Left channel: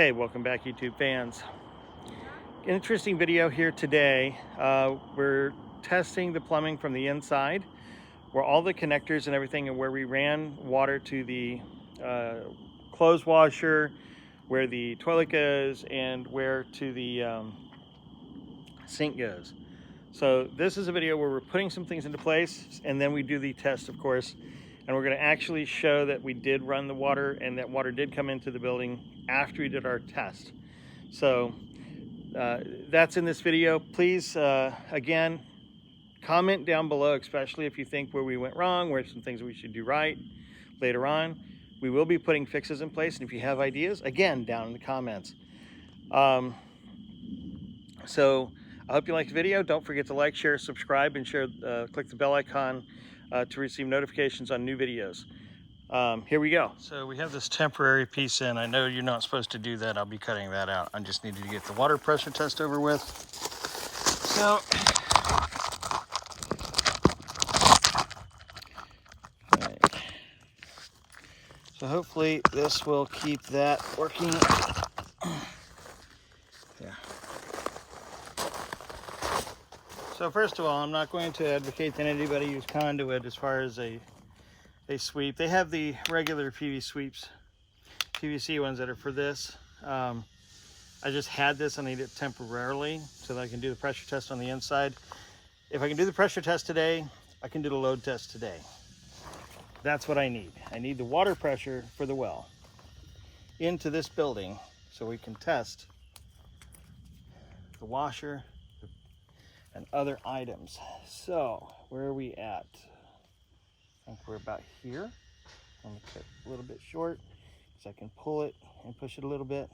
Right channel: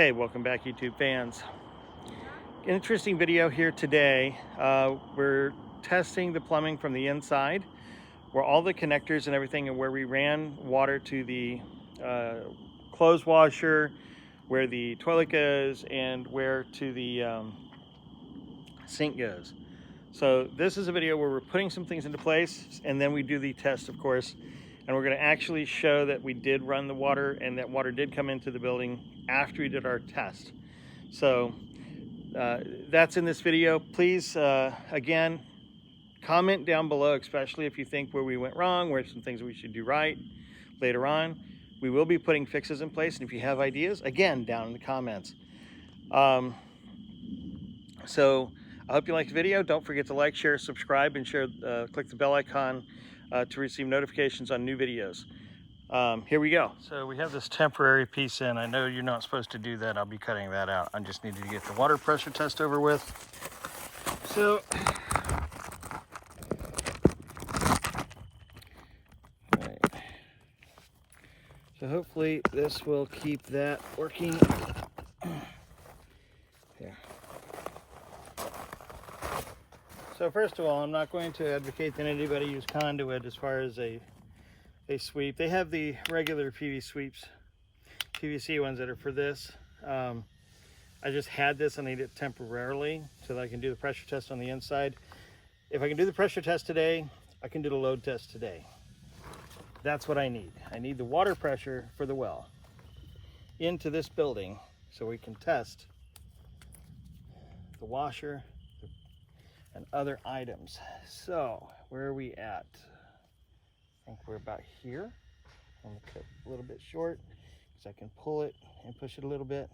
Hey, welcome back, YouTube fans. Interesting video here today. We're testing the plumbing from the inside, where all the connectors and everything, and where we ran water to the clothes washer, where the toilet goes, and where to the sink goes. So this is a video where we're putting some things into place, and then we do the test, of course, and we're going to actually show that we did run the water and that water did come into the building after we did our test. So that's in this video. Please, again, comment down below, especially if you think where we went wrong, where some things we should do right later on. We will be putting fixes in place, and if you have ideas, again, down in the comments. So I hope you liked the video. Don't forget to like, share, subscribe, and share. Click the bell icon to receive notifications on new videos. Here we go. So we have this temporary piece in. I know you're not supposed to do that. I'll be cutting that out. I just needed to get the water pressure test over with. So, right. So hopefully this will keep that working. There. So first of all, I'm not going to advocate that anybody use conduit as far as a sweep. They have the regular PVC ones that are for this. I just had this and I need it temporarily so that I can do the pressure test on the inside. If I can do the pressure test today, I can do the load test today. That's what I need. I need the water pressure for the well into this building so we can test the washer and other items. So where are we at? I think we're about here. I'm gonna cut a little bit short so I can pull it and push it a little bit.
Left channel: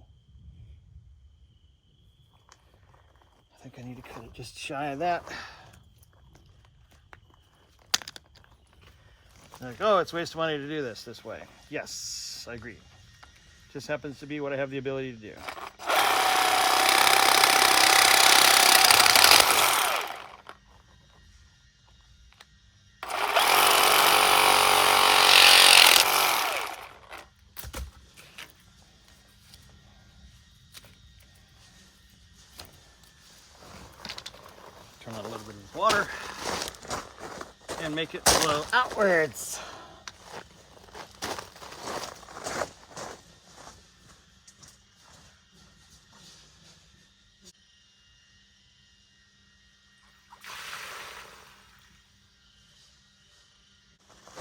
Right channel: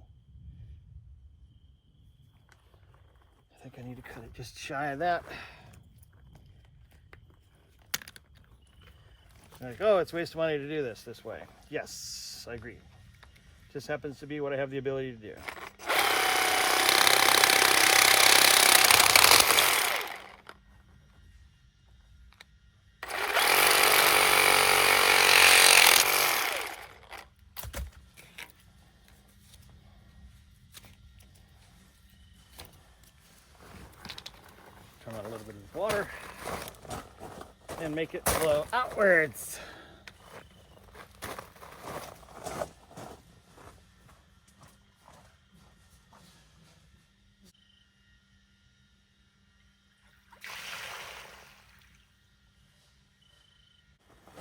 I think I need to cut it just shy of that. Like, oh, it's a waste of money to do this way. Yes, I agree. Just happens to be what I have the ability to do. Turn on a little bit of water and make it flow outwards.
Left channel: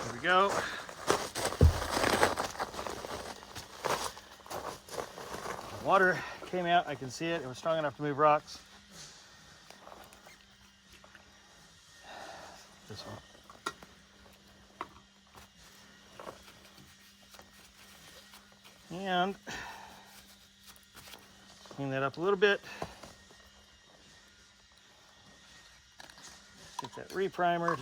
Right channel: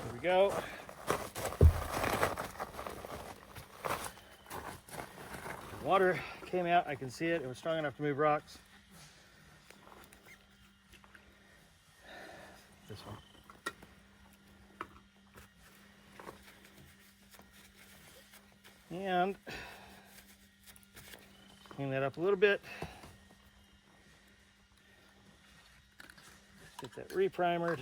Here we go. The water came out, I can see it. It was strong enough to move rocks. This one. And clean that up a little bit. Get that reprimered.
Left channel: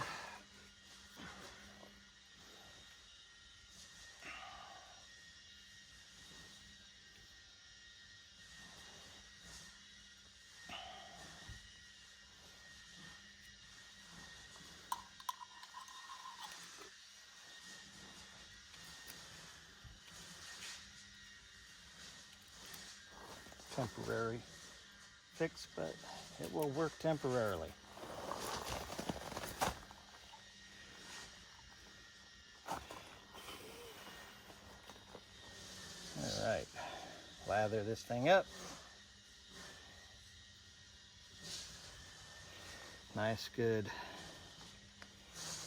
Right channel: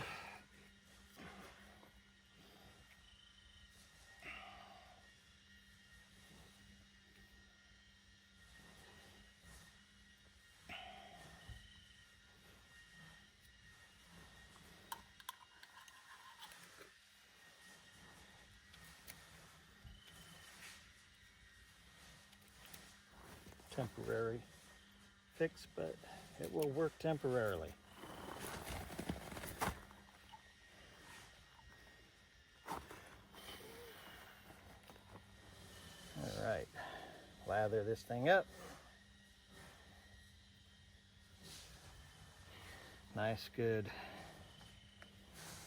Temporary fix, but it will work temporarily. All right, lather this thing up. Nice, good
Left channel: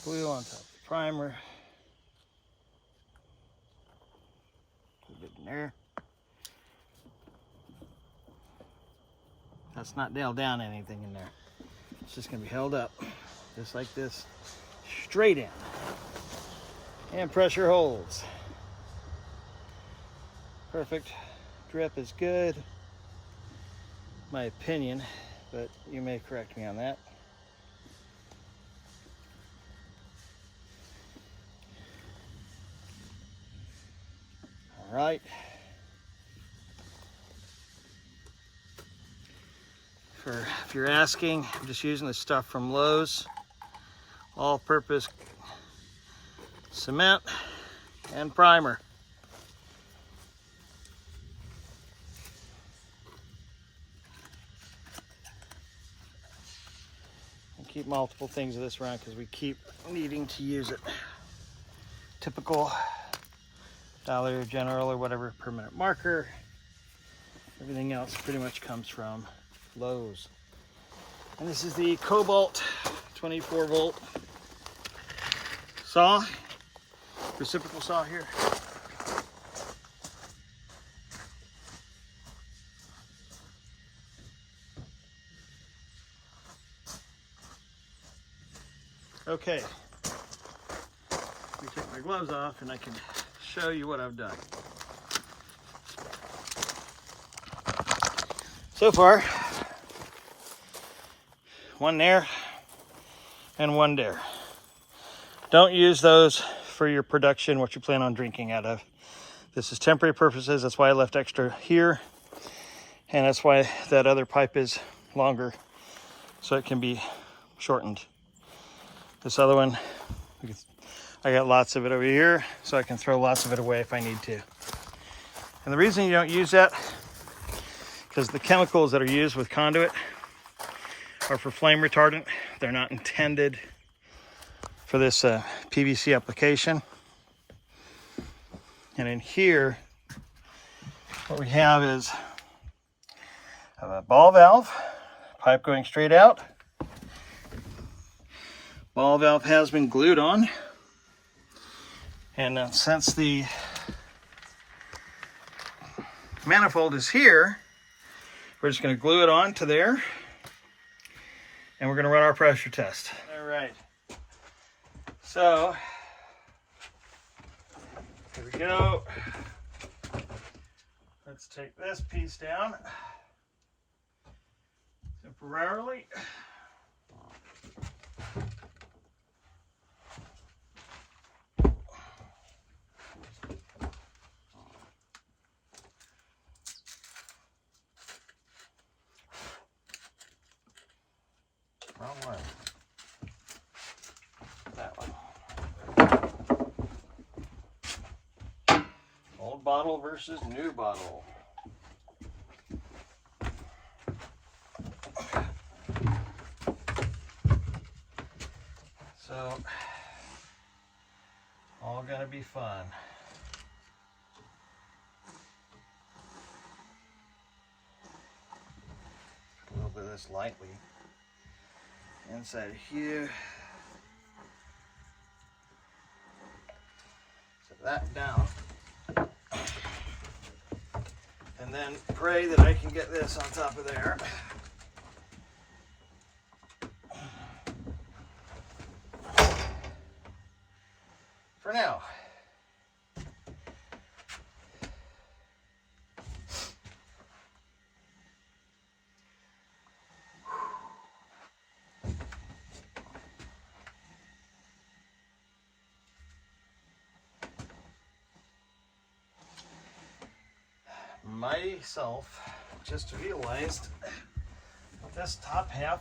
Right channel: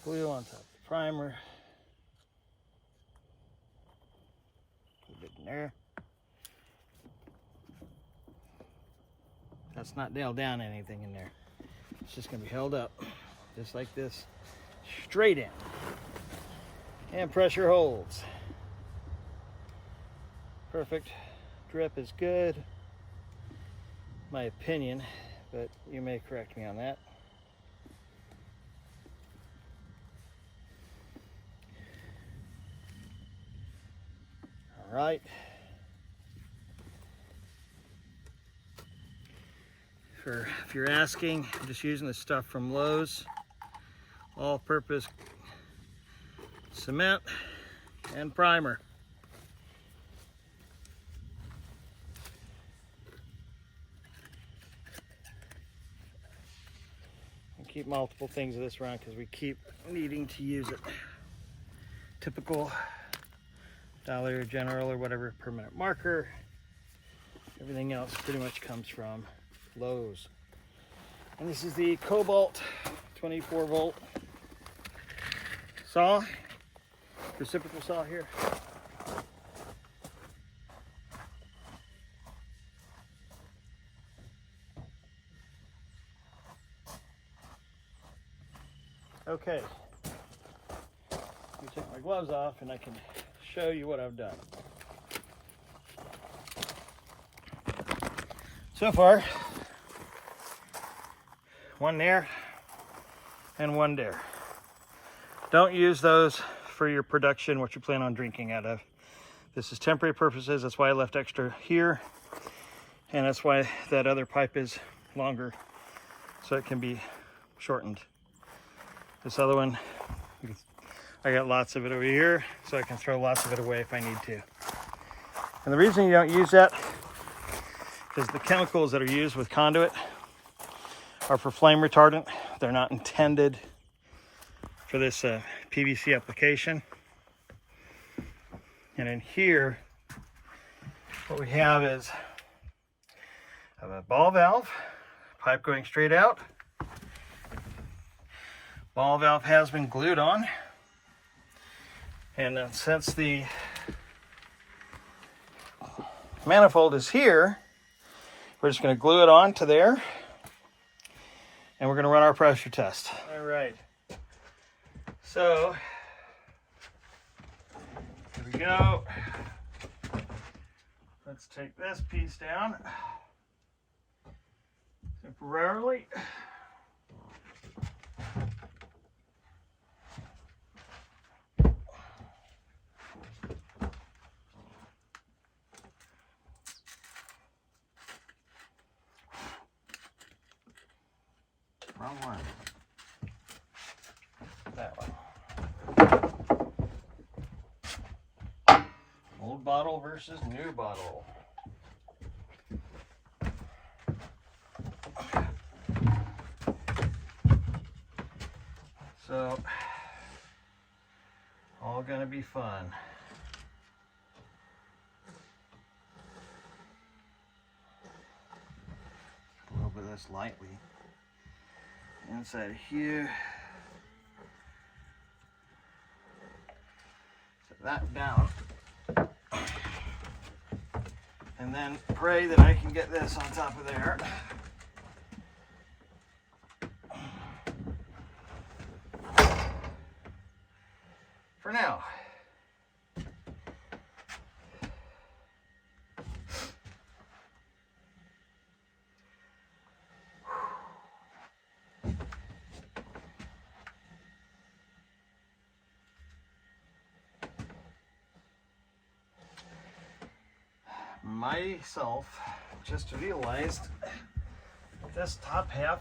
glue on top of the primer. Put it in there. That's not nailed down anything in there. It's just gonna be held up, just like this, straight in. And pressure holds. Perfect. Drip is good, my opinion, but you may correct me on that. All right. If you're asking, I'm just using the stuff from Lowe's, all-purpose cement and primer. keep multiple things of this around because we keep needing to use it. Typical Dollar General or whatever permanent marker. Everything else pretty much comes from Lowe's. And this is the Cobalt 24 volt saw, reciprocal saw here. Okay, let me take my gloves off and I can show you what I've done. So far, one there and one there. Don't use those for your production, what you plan on drinking out of. This is temporary purposes. That's why I left extra here. And that's why that other pipe is longer, so it can be shortened. This other one, I got lots of it over here, so I can throw lots of it away if I need to. And the reason you don't use that is the chemicals that are used with conduit are for flame retardant. They're not intended for this PVC application. And in here, what we have is a ball valve, pipe going straight out. Ball valve has been glued on. And since the manifold is here, we're just going to glue it on to there. And we're going to run our pressure test. All right. So, here we go. Let's take this piece down temporarily. Wrong one. That one. Old bottle versus new bottle. So, all gonna be fun. A little bit of this lightly inside here. Set that down. And then pray that I can get this on top of there. For now. Myself just realized this top half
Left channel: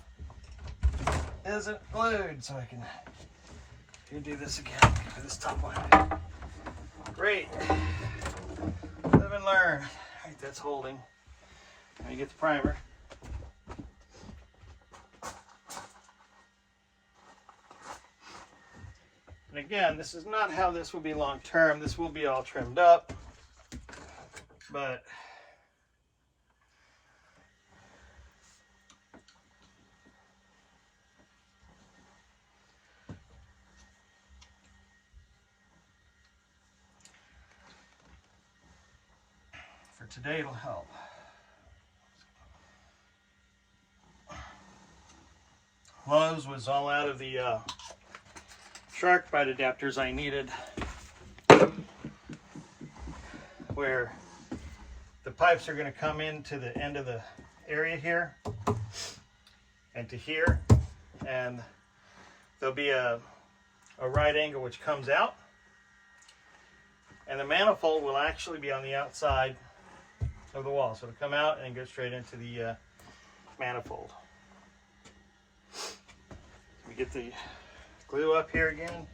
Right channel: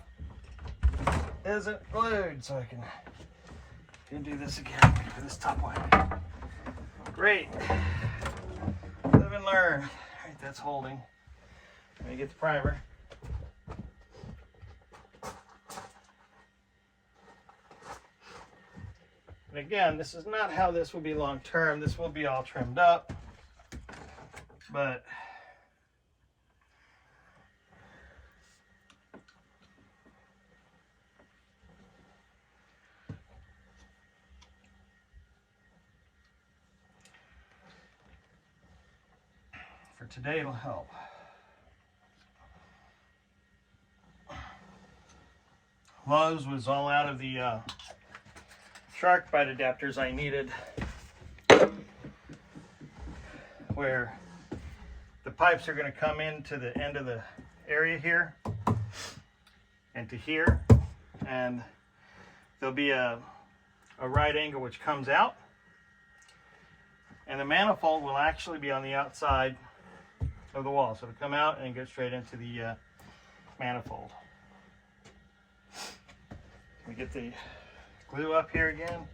isn't glued, so I can do this again for this top one. Great. Live and learn. All right, that's holding. Let me get the primer. And again, this is not how this will be long term. This will be all trimmed up, but for today it'll help. Lowe's was all out of the SharkBite adapters I needed, where the pipes are going to come into the end of the area here and to here, and there'll be a right angle which comes out, and the manifold will actually be on the outside of the wall, so it'll come out and go straight into the manifold. We get the glue up here again.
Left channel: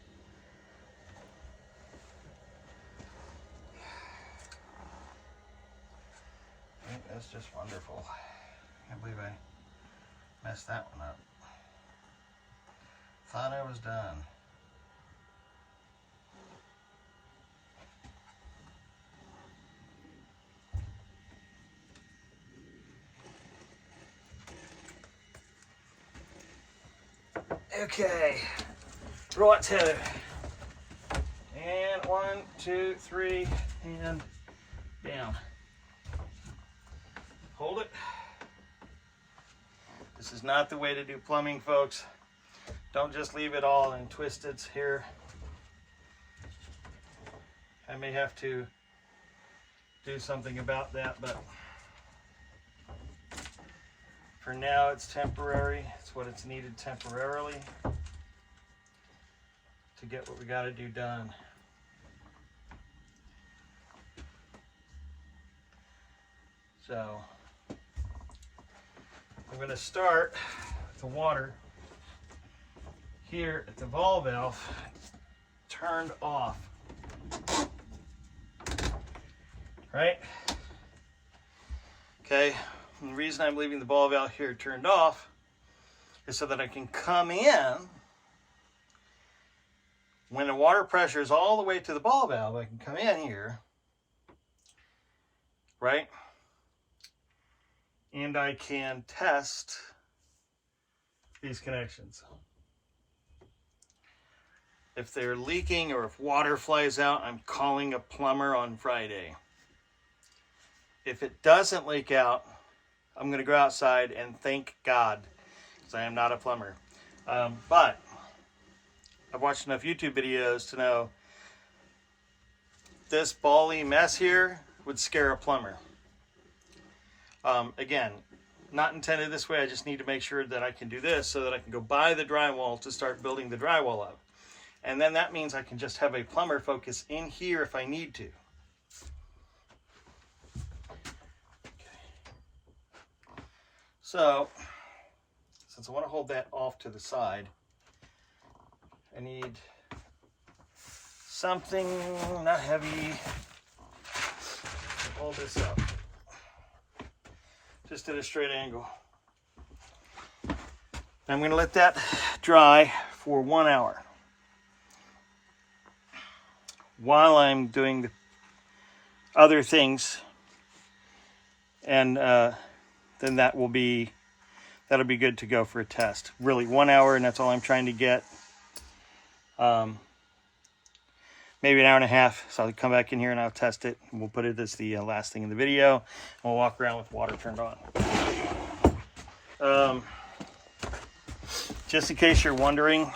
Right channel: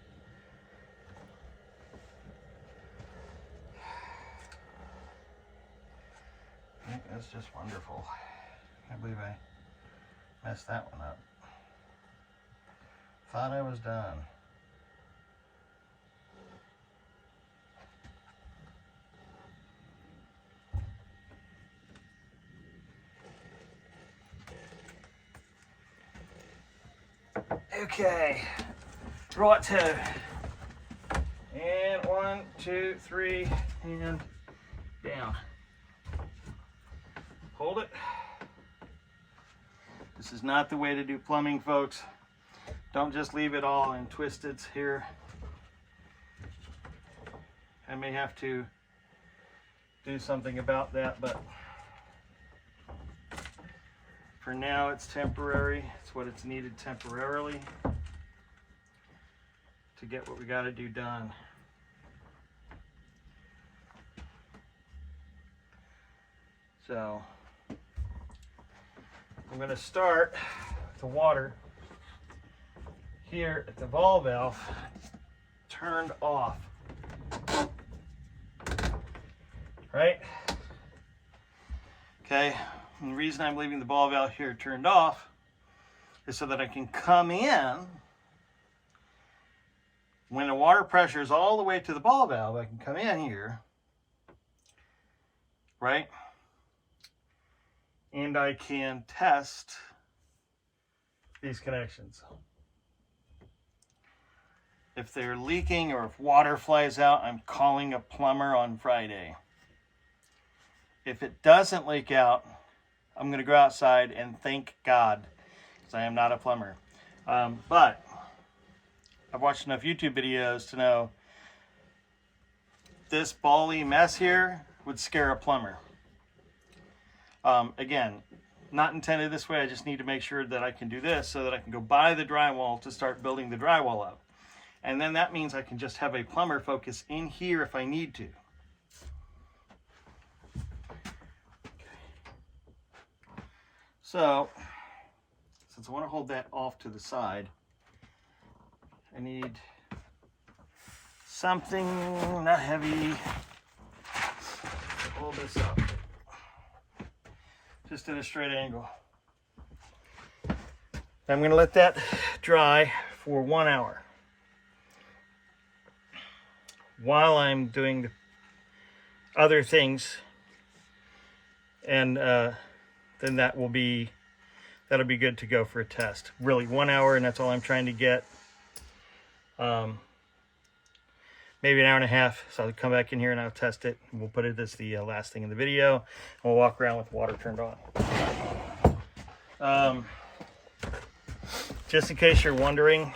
I think that's just wonderful. I can't believe I messed that one up. Thought I was done. Okay, draw it to, and 1, 2, 3, and down. Hold it. This is not the way to do plumbing, folks. Don't just leave it all in twisteds here. I may have to do something about that, but for now it's temporary. It's what it's needed temporarily to get what we got to do done. So I'm going to start with the water here at the ball valve turned off. Right? Okay, and the reason I'm leaving the ball valve here turned off is so that I can come in when the water pressure is all the way to the ball valve. I can come in here, right? And I can test these connections. If they're leaking or if water flies out, I'm calling a plumber on Friday. If it doesn't leak out, I'm going to go outside and thank God, because I am not a plumber. But I've watched enough YouTube videos to know this bally mess here would scare a plumber. Again, not intended this way. I just need to make sure that I can do this so that I can go buy the drywall to start building the drywall up. And then that means I can just have a plumber focus in here if I need to. Okay. So, since I want to hold that off to the side, I need something not heavy to hold this up. Just at a straight angle. I'm going to let that dry for 1 hour while I'm doing other things, and then that'll be good to go for a test. Really, 1 hour, and that's all I'm trying to get. Maybe an hour and a half, so I'll come back in here and I'll test it, and we'll put it as the last thing in the video, and we'll walk around with water turned on. Just in case you're wondering,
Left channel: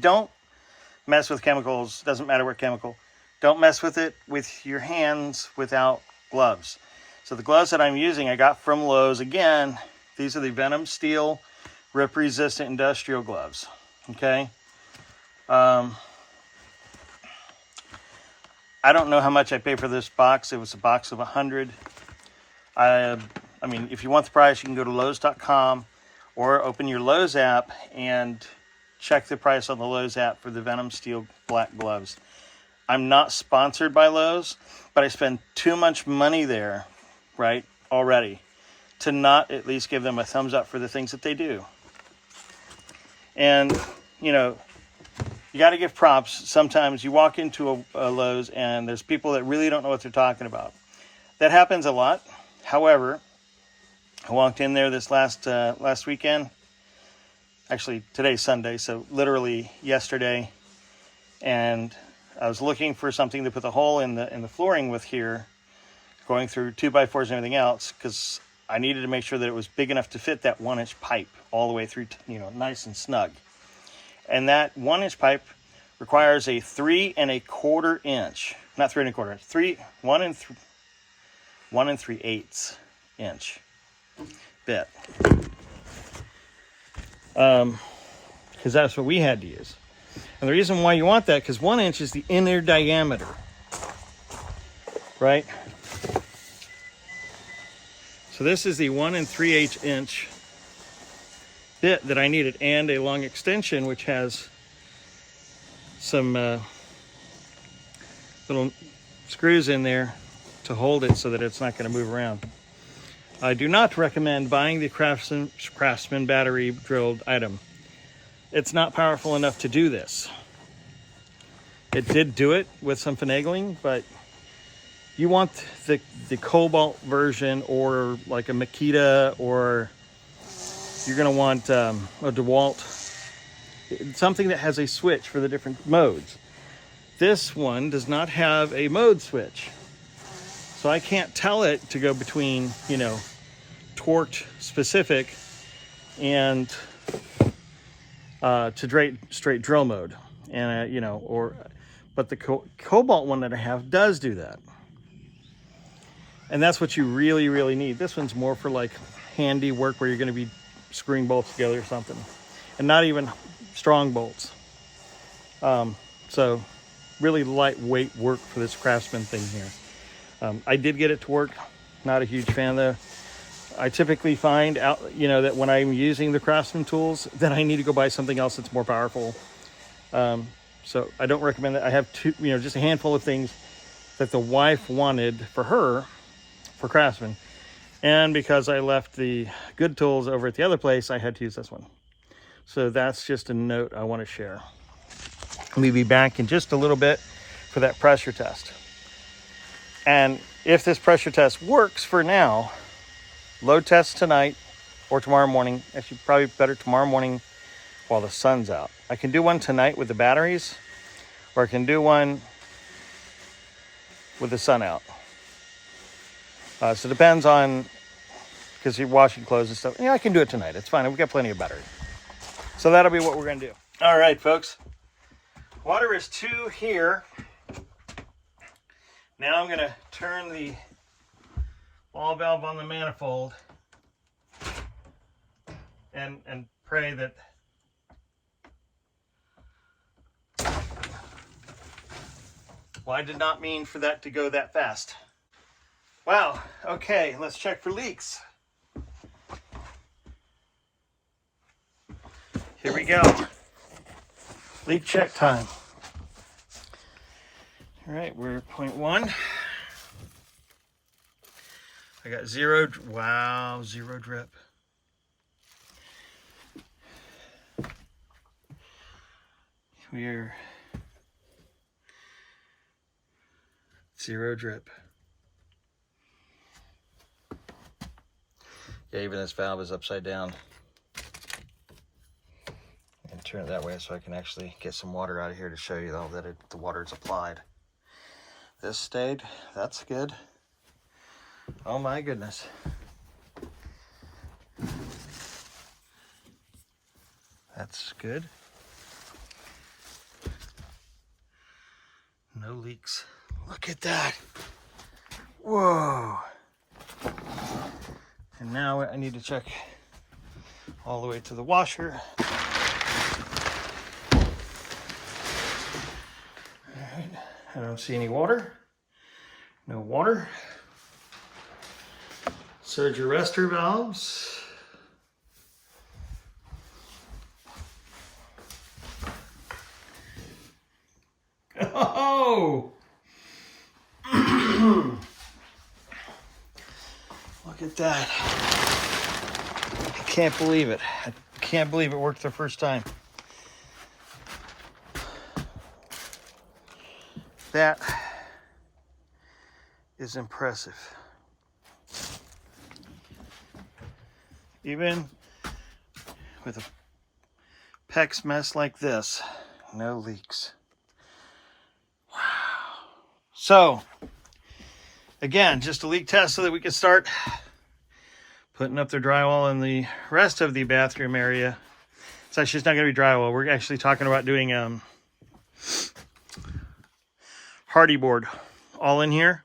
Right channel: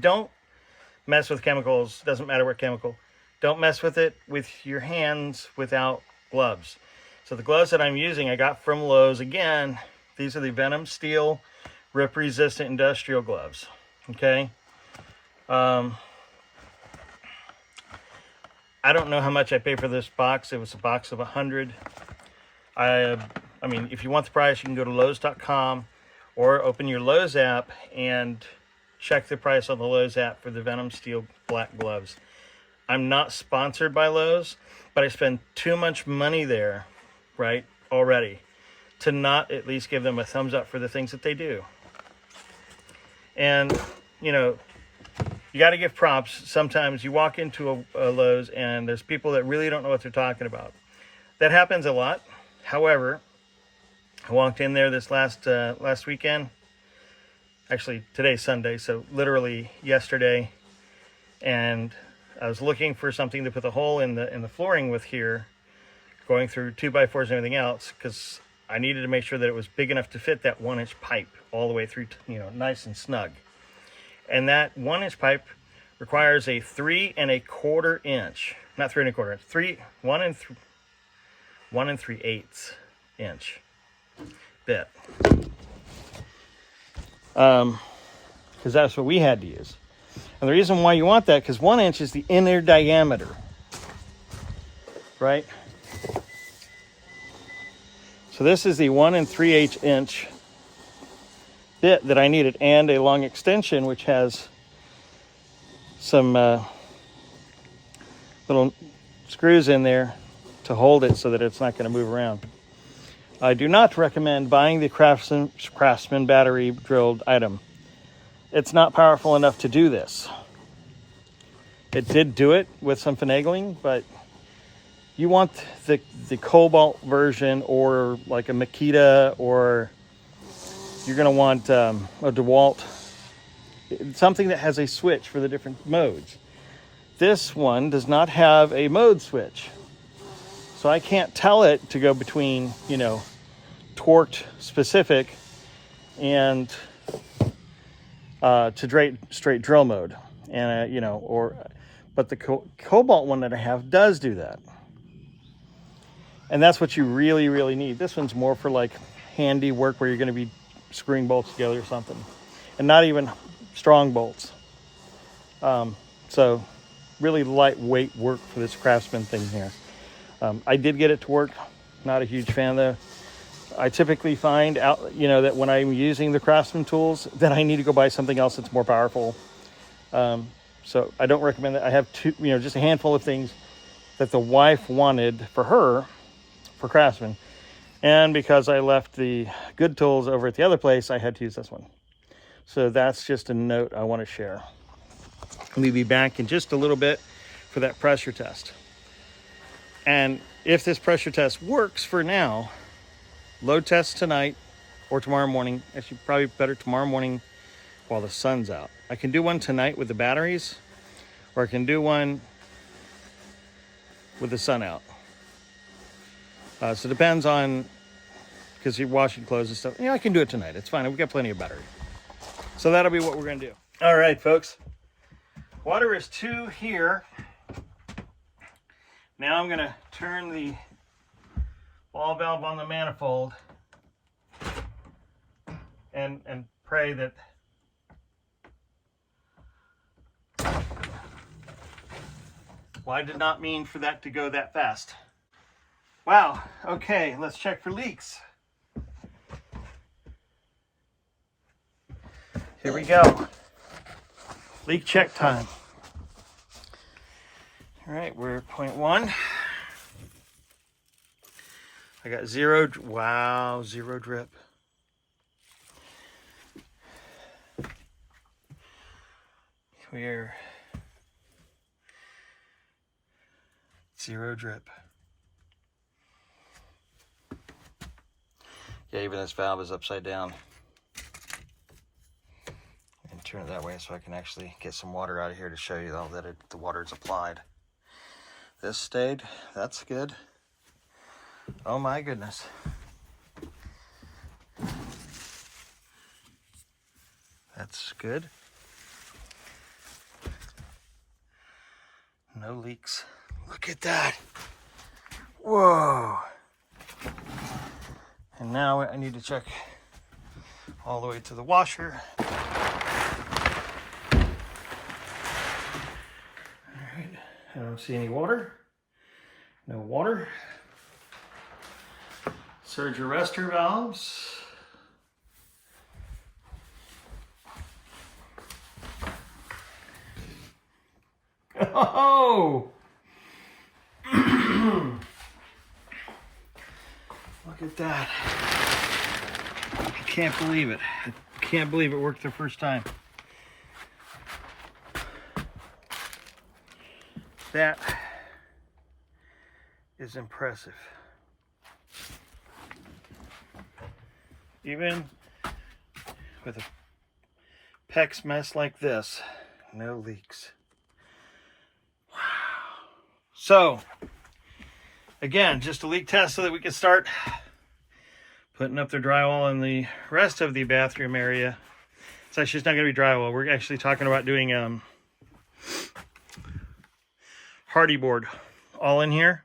don't mess with chemicals. Doesn't matter what chemical. Don't mess with it with your hands without gloves. So the gloves that I'm using I got from Lowe's. Again, these are the Venom Steel Rip Resistant Industrial Gloves. Okay. I don't know how much I paid for this box. It was a box of 100. I mean, if you want the price, you can go to Lowe's.com or open your Lowe's app and check the price on the Lowe's app for the Venom Steel black gloves. I'm not sponsored by Lowe's, but I spend too much money there, right, already, to not at least give them a thumbs up for the things that they do. And, you know, you got to give props. Sometimes you walk into a Lowe's and there's people that really don't know what they're talking about. That happens a lot. However, I walked in there this last weekend. Actually, today's Sunday, so literally yesterday. And I was looking for something to put the hole in the flooring with here, going through 2x4s and everything else, because I needed to make sure that it was big enough to fit that 1-inch pipe all the way through, you know, nice and snug. And that 1-inch pipe requires a 3 1/4 inch, not 3 1/4 inch, 1 3/8 inch bit. Because that's what we had to use. And the reason why you want that, because 1 inch is the inner diameter, right? So this is the 1 3/8 inch bit that I needed, and a long extension which has some little screws in there to hold it so that it's not going to move around. I do not recommend buying the Craftsman battery drilled item. it's not powerful enough to do this. It did do it with some finagling, but you want the cobalt version, or like a Makita, or you're going to want a DeWalt, something that has a switch for the different modes. This one does not have a mode switch, so I can't tell it to go between, you know, torqued specific and to straight drill mode, and you know, but the cobalt one that I have does do that, and that's what you really need. This one's more for like handy work where you're going to be screwing bolts together or something, and not even strong bolts. So really lightweight work for this Craftsman thing here. I did get it to work. Not a huge fan though. I typically find out, you know, that when I'm using the Craftsman tools, then I need to go buy something else that's more powerful. So I don't recommend that. I have just a handful of things that the wife wanted for her, for Craftsman. And because I left the good tools over at the other place, I had to use this one. So that's just a note I want to share. We'll be back in just a little bit for that pressure test. And if this pressure test works for now, load test tonight or tomorrow morning. Actually, probably better tomorrow morning while the sun's out. I can do one tonight with the batteries, or I can do one with the sun out. So it depends on, because you're washing clothes and stuff. Yeah, I can do it tonight. It's fine. We've got plenty of battery. So that'll be what we're going to do. All right, folks. Water is 2 here. Now I'm going to turn the ball valve on the manifold and pray that I did not mean for that to go that fast. Wow. Okay, let's check for leaks. Here we go. Leak check time. All right, we're at 0.1. I got 0. Wow, 0 drip. We're 0 drip. Yeah, even this valve is upside down. And turn it that way so I can actually get some water out of here to show you though that the water is applied. This stayed. That's good. Oh my goodness. That's good. No leaks. Look at that. Whoa. And now I need to check all the way to the washer. All right. I don't see any water. No water. Surge arrestor valves. Oh! Look at that. I can't believe it. I can't believe it worked the first time. That is impressive. Even with a PEX mess like this, no leaks. Wow. So, again, just a leak test so that we can start putting up the drywall in the rest of the bathroom area. It's actually, it's not going to be drywall. We're actually talking about doing hardy board all in here.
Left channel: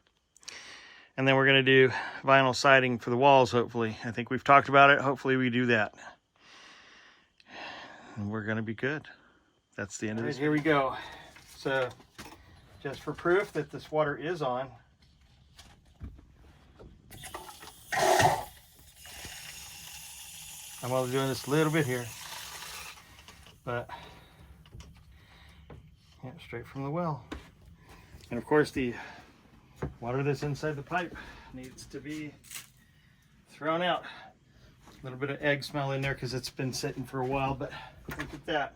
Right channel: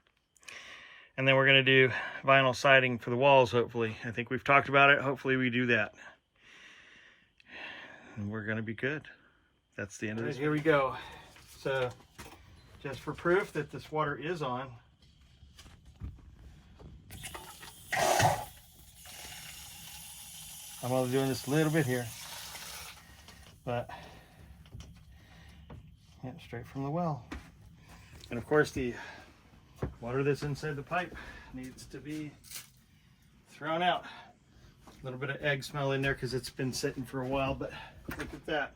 And then we're going to do vinyl siding for the walls, hopefully. I think we've talked about it. Hopefully we do that. And we're going to be good. That's the end of this. Here we go. So, just for proof that this water is on, I'm only doing this a little bit here. But, yeah, straight from the well. And of course the water that's inside the pipe needs to be thrown out. A little bit of egg smell in there because it's been sitting for a while, but look at that.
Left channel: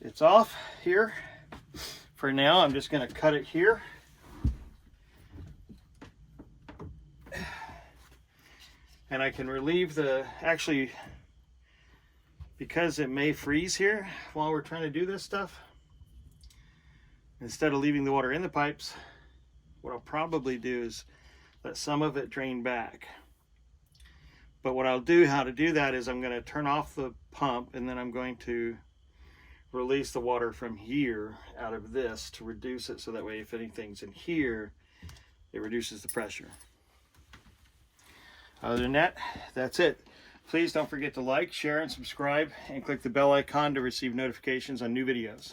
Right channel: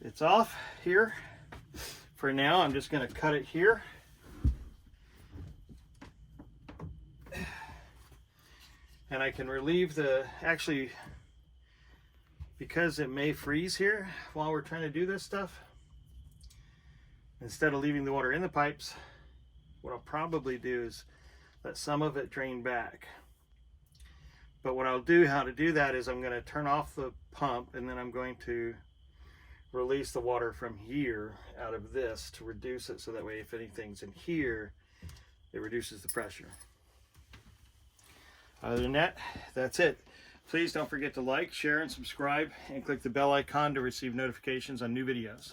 It's off here. For now, I'm just going to cut it here. And I can relieve the, actually, because it may freeze here while we're trying to do this stuff, instead of leaving the water in the pipes, what I'll probably do is let some of it drain back. But what I'll do, how to do that, is I'm going to turn off the pump, and then I'm going to release the water from here out of this to reduce it, so that way if anything's in here, it reduces the pressure. Other than that, that's it. Please don't forget to like, share, and subscribe, and click the bell icon to receive notifications on new videos.